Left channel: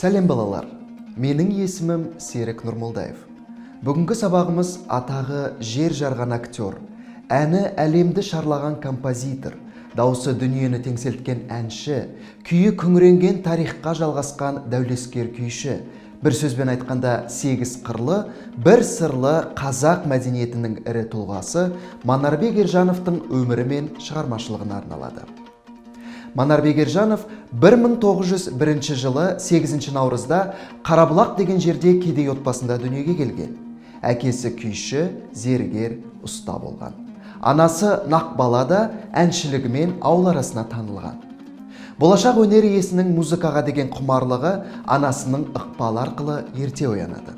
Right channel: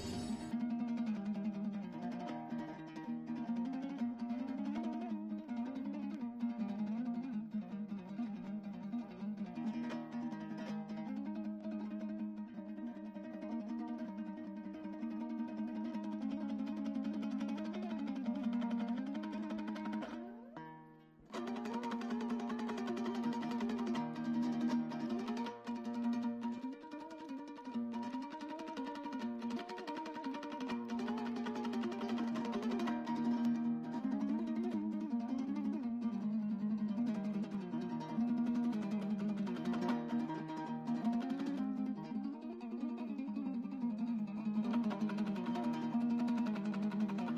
Сәлем балалар, менің есімім Серік Нұрмолдаев. Бүгінгі сабағымыз атағы жер жарған актер, әні әлемді шарлаған композитор, дауысы дүниені теңселткен әнші, күйі күңіренген тарихқа жалғасқан дәулескер күйші, бір сөзбен айтқанда 8 қырлы, бір сырлы қазақ мәдениетінің ірі тұлғасы Манарбек Ержановтың өмірі мен шығармашылығына арналады. Манарбек Ержанов 1901 жылы 8 наурызда Қарабұлақ деген жерде кедей отбасында дүниеге келген. Әкесі күйші, зергер, ұста болған. Анасы Нақбала да әншілігімен ауыл арасына танылған. Болашақ өнер иесінің музыкаға деген құмарлығы анасының ықпалы арқылы ерте оянады.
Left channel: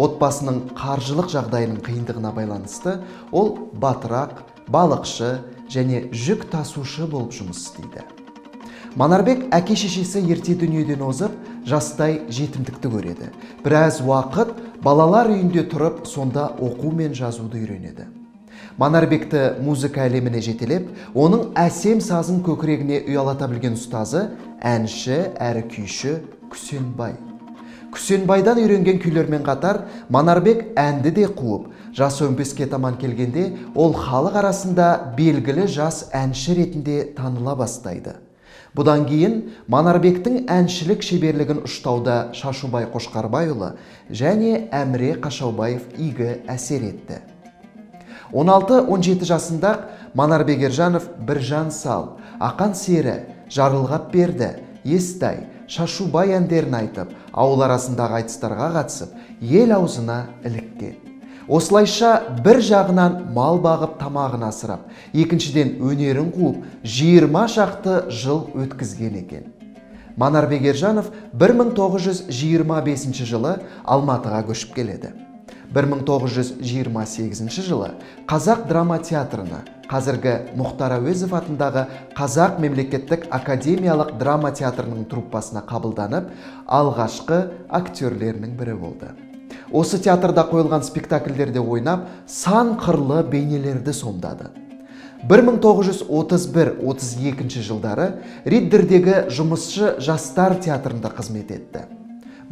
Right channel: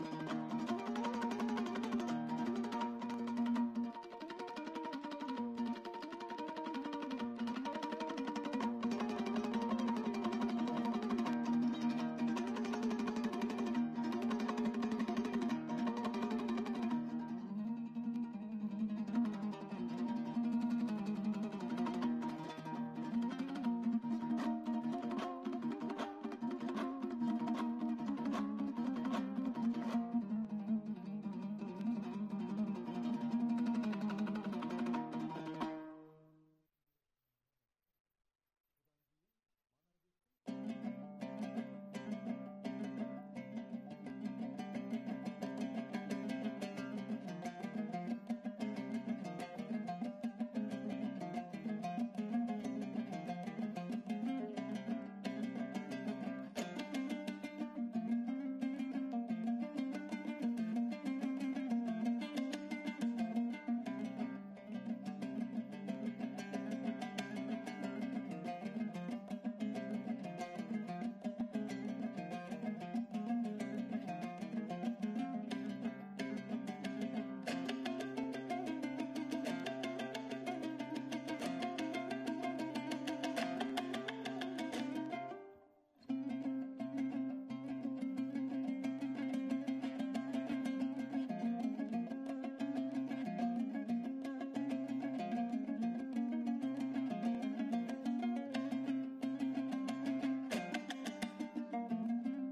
Отбасының қаржылық жағдайының қиындығына байланысты ол батырақ, балықшы және жүк тасушы болып жұмыс істейді. Манарбек әке-шешесі ерте дүниеден озып, жастай жетімдікті көреді. Біраз уақыт балалар үйінде тұрып, сонда оқу мен жазуды үйренеді. Манарбекті музыка әлеміне жетелеп, оның әсем сазын көкірегіне ұялата білген ұстазы әнші әрі күйші Күсенбай. Күсенбайдан үйренген күйлермен қатар Манарбек әнді де қуып, жас 15-ке таман келгенде ол халық арасында белгілі жас әнші ретінде таныла бастайды. Бұдан кейін Манарбектің әншілік шеберлігін ұштауда Шашубай Қошқарбайұлы және Әміре Қашаубаев игі әсер етті. 16-17 жасында Манарбек Ержанов Біржан Сал, Ақан Сері, Жарылғап Берді, Естай, Шашубай әндерін айтып, ауыл арасындағы айтыстарға қатысып, ел аузына іліккен. Осылайша бір жағынан мал бағып тамағын асырап, екіншіден өнерін қуып, 20 шақты жыл өткізген екен. Манарбек Ержанов 1925 жылы Алматыға көшіп келеді. 1928 жылы Қазақ драма театрына, қазіргі Мұхтар Әуезов атындағы Қазақ мемлекеттік академиялық драма театрының труппасына қабылданып, алғашқы актерлерінің бірі болды. Осы театрда қойылған спектакльдерде ойнап, сан қырлы бейнелерді сомдады. 1931-32 жылдары Риддердегі жұмысшы жастар театрында қызмет етті.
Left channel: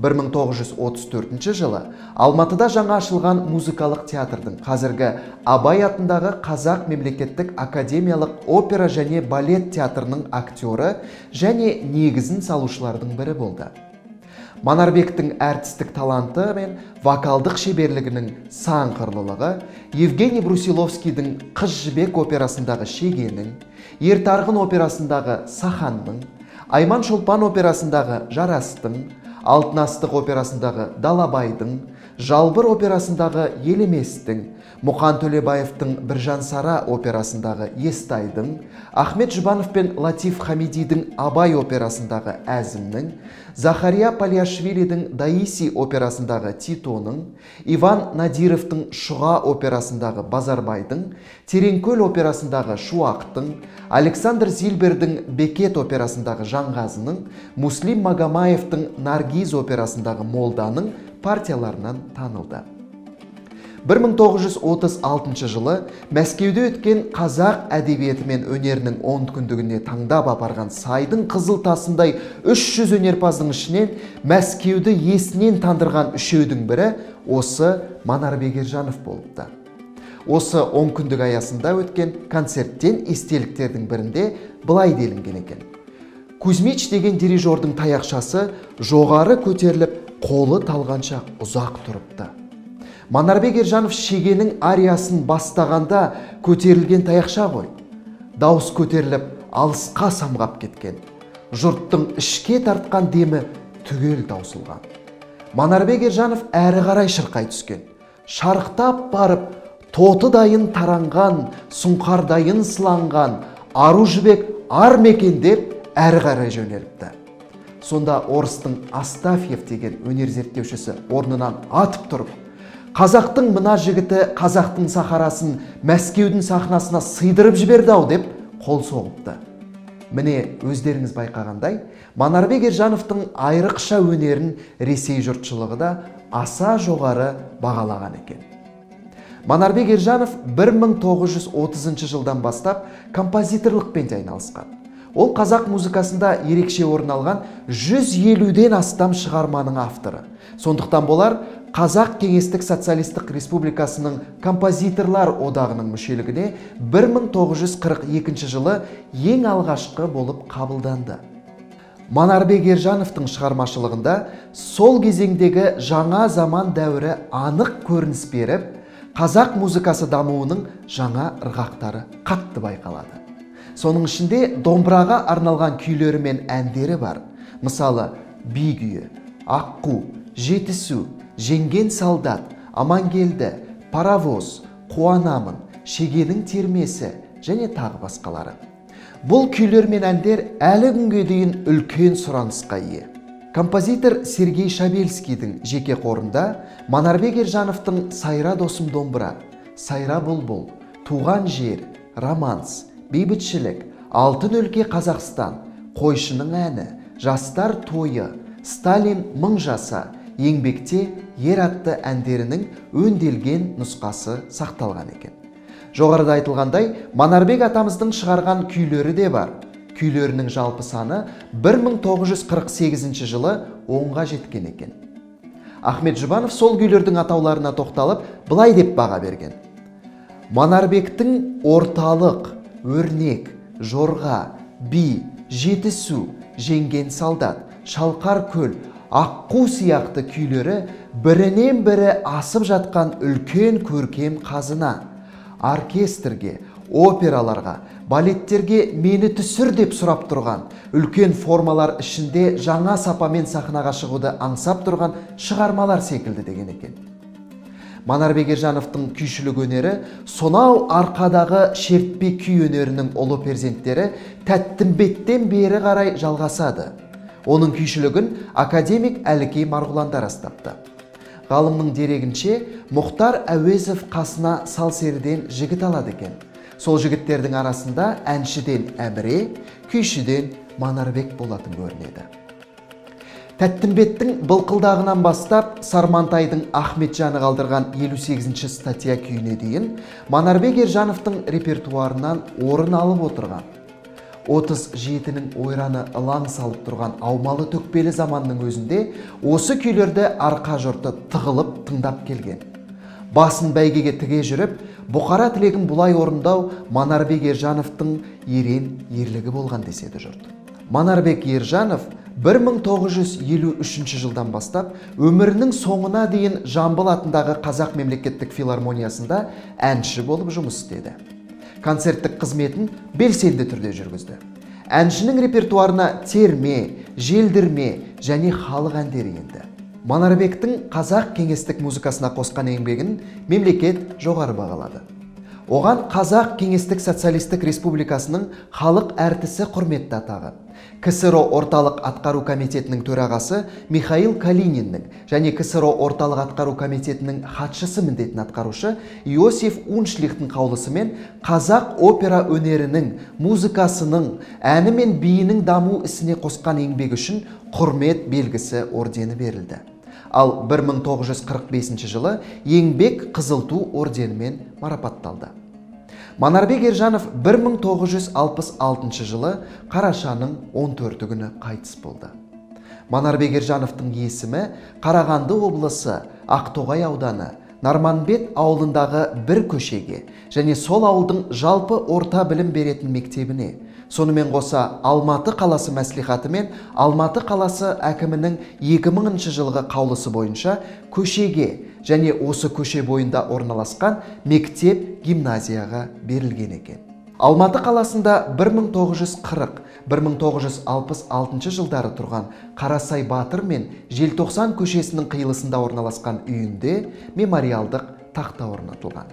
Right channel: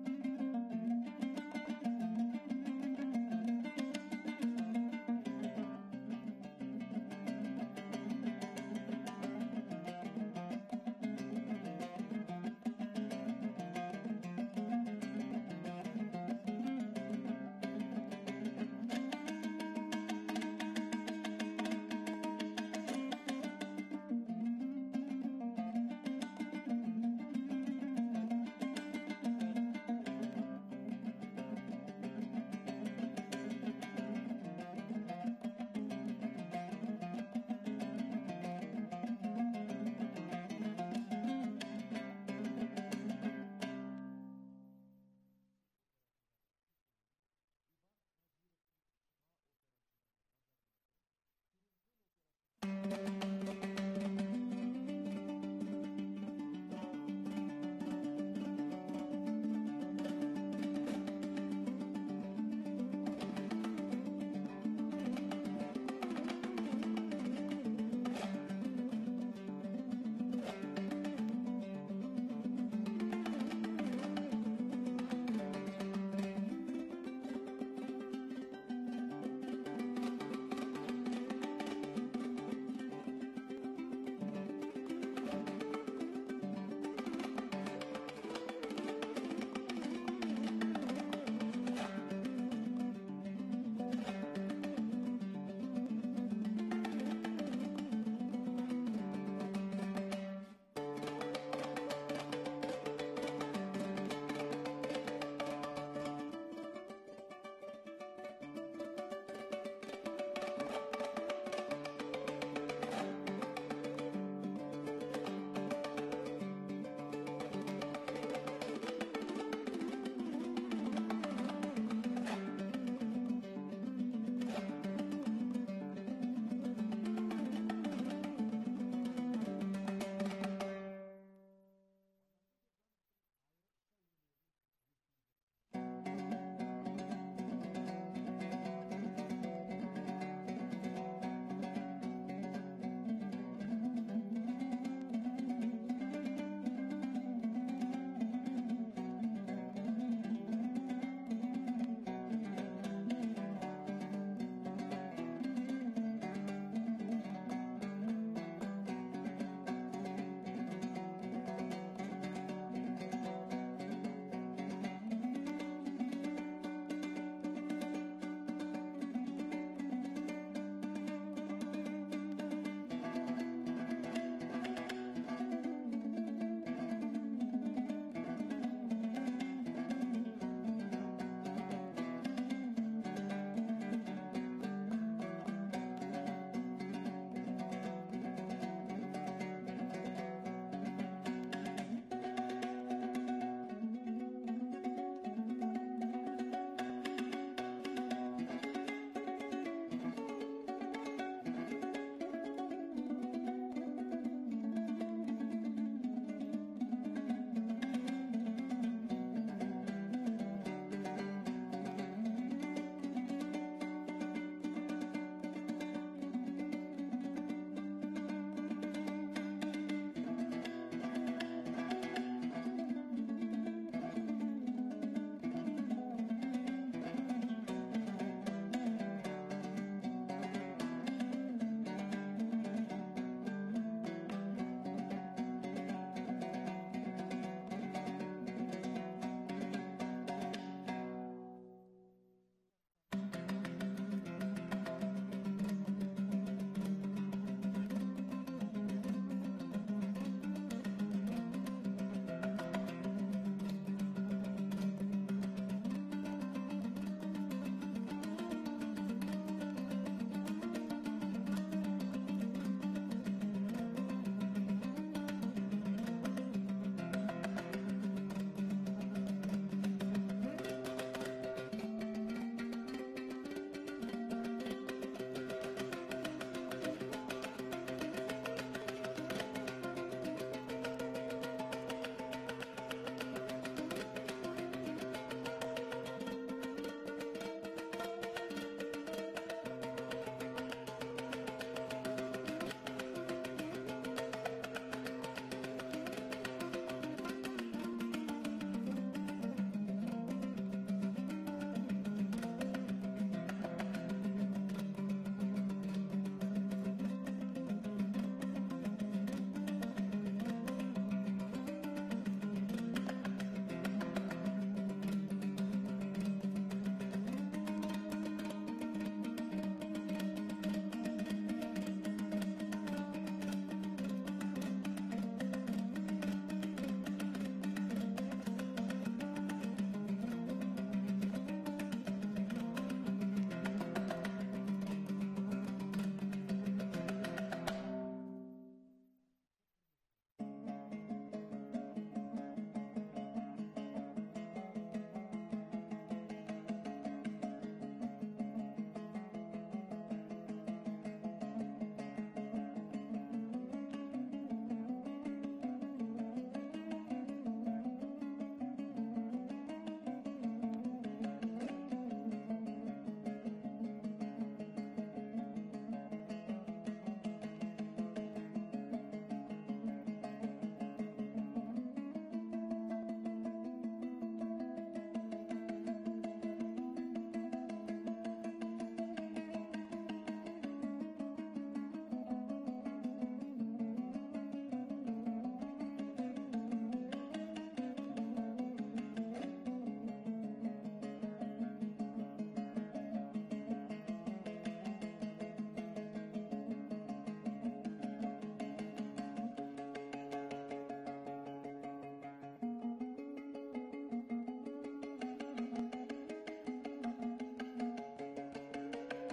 1934 жылы Алматыда жаңа ашылған музыкалық театрдың, қазіргі Абай атындағы Қазақ мемлекеттік академиялық опера және балет театрының актері және негізін салушылардың бірі болды. Манарбектің әртістік таланты мен вокалдық шеберлігінің сан қырлылығы Евгений Брусиловскийдің Қыз жібек операсындағы Шегенің, Ертарғын операсындағы Саханның, Айман Шолпан операсындағы Жарастың, Алтын астық операсындағы Далабайдың, Жалбыр операсындағы Елеместің, Мұқан Төлебаевтың Біржан Сара операсындағы Естайдың, Ахмет Жұбанов пен Латиф Хамидидің Абай операсындағы Әзімнің, Захария Палиашвилидің Даиси операсындағы Титоның, Иван Надировтың Шұға операсындағы Базарбайдың, Тереңкөл операсындағы Шуақтың, Александр Зильбердің Бекет операсындағы Жанғазының, Муслим Магомаевтың Наргиз операсындағы Молданың партияларынан танылды. 1936 жылы Мәскеуде өткен қазақ әдебиеті мен өнерінің 10 күндігіне таңдап апарған сайдың қызыл тасындай 300 өнерпаздың ішінен Мәскеуді есінен тандырған үшеудің бірі осы Манарбек Ержанов болыпты. Осы 10 күндік аясында өткен концерттен естеліктердің бірінде былай делінген екен. Кузьмич деген дирижердің таяқшасы жоғары көтеріліп, қолы талғанша ұзақ тұрыпты. Манарбек Ержанов Шегенің ариясын бастағанда көтерілген таяқша ғой. Дауыс көтеріліп, алысқа самғап кеткен. Жұрттың ішке тартқан демі түгел таусылған. Манарбек Ержанов әрі қарай шырқай түскен. Шарықтап барып, тоты дайын таранған, сұңқардайын сыланған, ару жібек ар мекен деп әрі қарай жөнеліпті. Сонда орыстың Астафьев деген өнер зерттеушісі орнынан атып тұрып, қазақтың мына жігіті қазақтың сахарасын Мәскеудің сахнасына сыйдырып жіберді-ау деп қол соғыпты. Міне өздеріңіз байқағандай, Манарбек Ержановтың айрықша өнерін Ресей жұртшылығы да аса жоғары бағалаған екен. Манарбек Ержанов 1930 жылдан бастап композиторлықпен айналысқан. Ол қазақ музыкасында ерекше орын алған 150-ден астам шығарманың авторы. Сондықтан болар Қазақ Кеңестік Социалистік Республикасының композиторлар одағының мүшелігіне 1942 жылы ең алғашқы болып қабылданды. Манарбек Ержановтың шығармашылығында сол кезеңдегі жаңа заман дәуірі анық көрініс беріп, қазақ музыкасы дамуының жаңа ырғақтары қатты байқалады. Соның ішінде домбыраға арналған күйлері мен әндері бар. Мысалы, би күйі, аққу, жетісу, жеңген солдат, амангелді, паровоз, қуанамын, шегенің термесі және тағы басқалары. Бұл күйлер мен әндер әлі күнге дейін үлкен сұранысқа ие. Композитор Сергей Шабельскийдің жеке қорында Манарбек Ержановтың «Сайра досым домбыра», «Сайра бұлбұл», «Туған жер», «Романс», «Бейбітшілік», «Алтын өлке Қазақстан», «Қойшының әні», «Жастар тойы», «Сталин мың жаса», еңбекте ер атты әндерінің өнделген нұсқасы сақталған екен. Жоғарыда айтылғандай, Манарбек атамыздың шығарған күйлері де бар. Күйлерінің жалпы саны 1948 жылы 10-ға жеткен екен. Ахмет Жұбанов сол күйлердің атауларына тоқталып, былай деп баға берген. Манарбектің орталық, өрнек, жорға, би, жетісу, жеңген солдат, шалқар көл, аққу сияқты күйлері бірінен бірі асып жатқан үлкен көркем қазына. Оркестрге, операларға, балеттерге мені түсір деп сұрап тұрған, үлкен формалар ішінде жаңа сапамен сахнаға шығуды аңсап тұрған шығармалар секілді деген екен. Манарбек Ержановтың күйшілік өнері сонау арқадағы шертпе күй өнерінің ұлы перзенттері Тәттімбеттен бері қарай жалғасады. Оның күйшілігін академик Әлікей Марғұланда растапты. Ғалымның дерегінше, Мұхтар Әуезов қасына Салсерден жігіт алады екен. Сол жігіттердің арасында әншіден Әміре, күйшіден Манарбек болатын көрінеді. Тәттімбеттің былқылдағынан бастап Сармантайдың Ахметжаны қалдырған 58-ші статья күйіне дейін Манарбек Ержановтың репертуарынан орын алып отырған. 37-нің ойраны ылаң салып тұрған аумалы төкпелі заманның өзінде осы күйлерді арқа жұрты тығылып тыңдап келген. Басын бәйгеге тіге жүріп, бұқара тілегін бұлай орындау Манарбек Ержановтың ерен ерлігі болған деседі жұрт. Манарбек Ержанов 1953 жылдан бастап өмірінің соңына дейін Жамбыл атындағы Қазақ мемлекеттік филармониясында әнші болып жұмыс істеді. Концерттік қызметін белсенді түрде жүргізді. Әншінің репертуарына терме, желдірме және халық әндері енді. Манарбектің Қазақ кеңестік музыкасына қосқан еңбегін мемлекет жоғары бағалады. Оған Қазақ Кеңестік Социалистік Республикасының халық әртісі құрметті атағы, КСРО орталық атқару комитетінің төрағасы Михаил Калининнің және КСРО орталық атқару комитетінің хатшысы міндетін атқарушы Иосиф Уншлихтің қаулысымен қазақ опера өнерінің, музыкасының, әні мен биінің даму ісіне қосқан еңбегі үшін құрмет белгісі ордені берілді. Ал 1945 жылы еңбек қызыл ту орденімен марапатталды. Манарбек Ержанов 1966 жылы қарашаның 14 күні қайтыс болды. Манарбек Ержановтың есімі Қарағанды облысы Ақтоғай ауданы Нарманбет ауылындағы бір көшеге және сол ауылдың жалпы орта білім беретін мектебіне, сонымен қоса Алматы қаласы мәслихаты мен Алматы қаласы әкімінің 2000 жылғы қаулысы бойынша көшеге және осы көше бойында орналасқан мектеп гимназияға берілген екен. Алматы қаласында 1940-1966 жылдары тұрған Қарасай Батыр мен Желтоқсан көшесінің қиылысында орналасқан үйінде мемориалдық тақта орнатылған.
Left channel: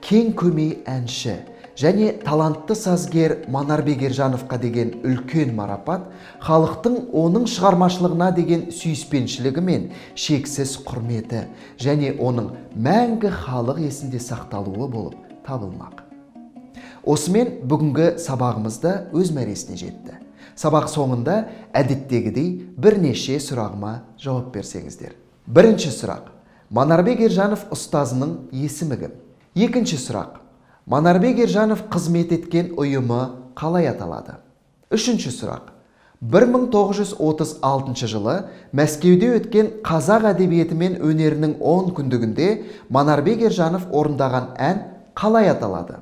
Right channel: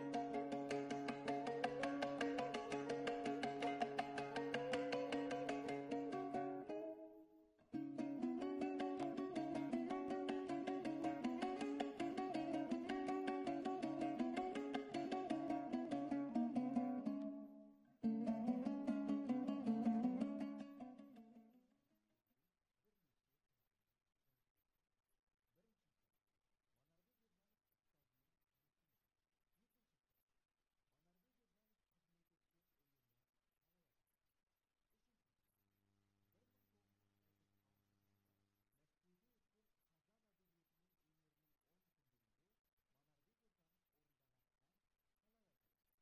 Кең көмей әнші және талантты сазгер Манарбек Ержановқа деген үлкен марапат халықтың оның шығармашылығына деген сүйіспеншілігі мен шексіз құрметі және оның мәңгі халық есінде сақталуы болып табылмақ. Осымен бүгінгі сабағымызда өз мәресіне жетті. Сабақ соңында әдеттегідей бірнеше сұрағыма жауап берсеңіздер. Бірінші сұрақ: Манарбек Ержанов ұстазының есімі кім? Екінші сұрақ: Манарбек Ержанов қызмет еткен ұйымы қалай аталады? Үшінші сұрақ. 1936 жылы Мәскеуде өткен қазақ әдебиеті мен өнерінің 10 күндігінде Манарбек Ержанов орындаған ән қалай аталады?